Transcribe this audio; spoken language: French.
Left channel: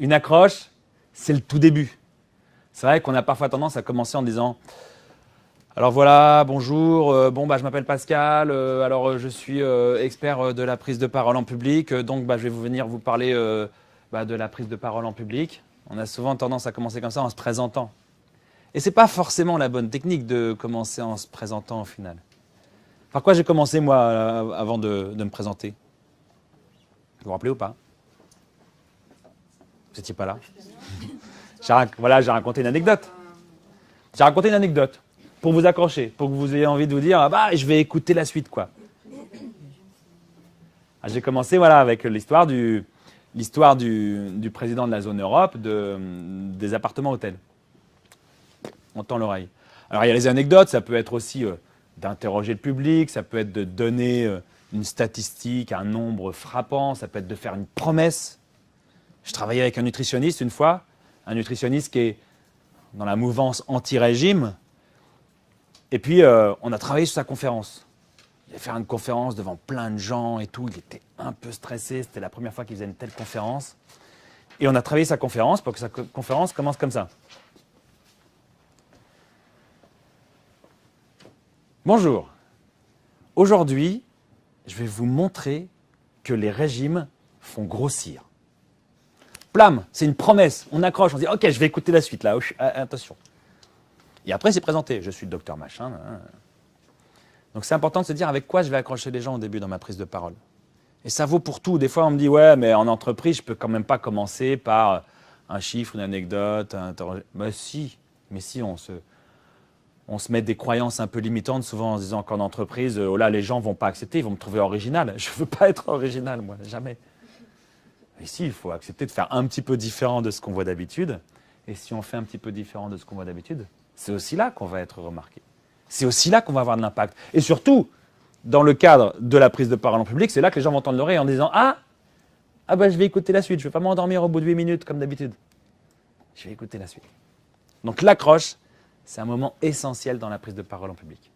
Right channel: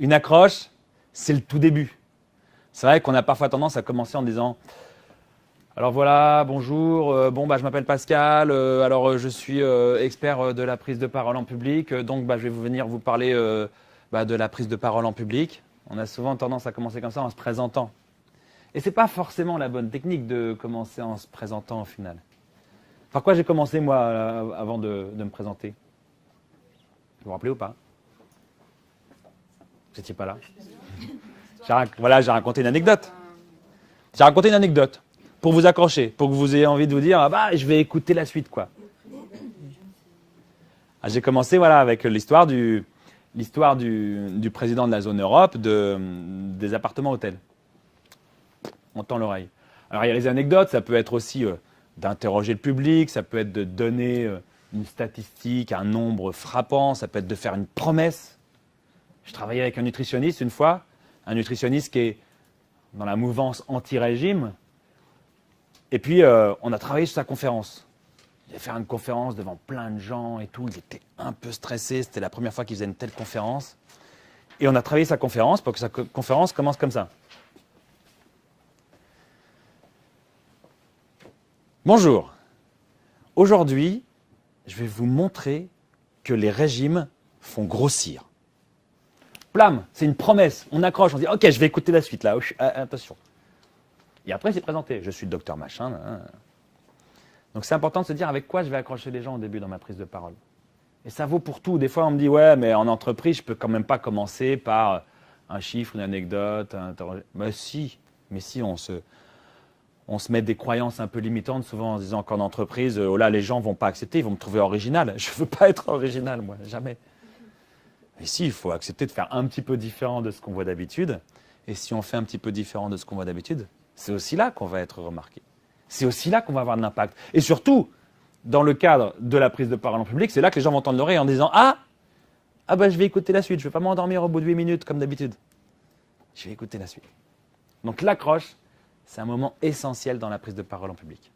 Une accroche, c'est le tout début. C'est vrai qu'on a parfois tendance à commencer en disant alors voilà, bonjour, je m'appelle Pascal, je suis expert de la prise de parole en public, je vais venir vous parler de la prise de parole en public. On a souvent tendance à commencer comme ça en se présentant. Et c'est pas forcément la bonne technique de commencer en se présentant au final. Par quoi j'ai commencé moi avant de me présenter? Vous vous rappelez ou pas? Vous n'étiez pas là? J'ai raconté une anecdote. J'ai raconté une anecdote pour vous accrocher, pour que vous ayez envie de vous dire, je vais écouter la suite, quoi. J'ai commencé, avec l'histoire du président de la zone Europe des appartements hôtels. On tend l'oreille. Alors, il y a les anecdotes, ça peut être aussi d'interroger le public, ça peut être de donner une statistique, un nombre frappant, ça peut être de faire une promesse. Je travaillais avec un nutritionniste une fois, un nutritionniste qui est dans la mouvance anti-régime. Et puis, on a travaillé sur sa conférence. Il allait faire une conférence devant plein de gens et tout. Il était un peu stressé. C'était la première fois qu'il faisait une telle conférence. Et on a travaillé sa conférence pour que sa conférence commence comme ça. Bonjour. Aujourd'hui, je vais vous montrer que les régimes font grossir. Plam, c'est une promesse. On accroche, on dit ok, je vais écouter la suite là. Attention. Et après, c'est présenté. Je suis le docteur machin. Donc, c'est important de se dire avec quoi je vais accrocher les gens au début dans ma prise de parole. Et ça vaut pour tout. Des fois, on me dit ouais, mais en entreprise, je peux quand même pas commencer par un chiffre, une anecdote, mais si, on se met des croyances un peu limitantes, souvent en se disant qu'en entreprise, oh là, les gens vont pas accepter, ils vont me trouver original. Je veux pas être original, moi, jamais. Mais si, il faut accepter de faire un petit peu différent de ce qu'on voit d'habitude. Et si on fait un petit peu différent de ce qu'on voit d'habitude, c'est aussi là qu'on va être remarqué. C'est aussi là qu'on va avoir de l'impact. Et surtout, dans le cadre de la prise de parole en public, c'est là que les gens vont tendre l'oreille en disant je vais écouter la suite, je ne vais pas m'endormir au bout de 8 minutes comme d'habitude. Je vais écouter la suite. Donc l'accroche, c'est un moment essentiel dans la prise de parole en public.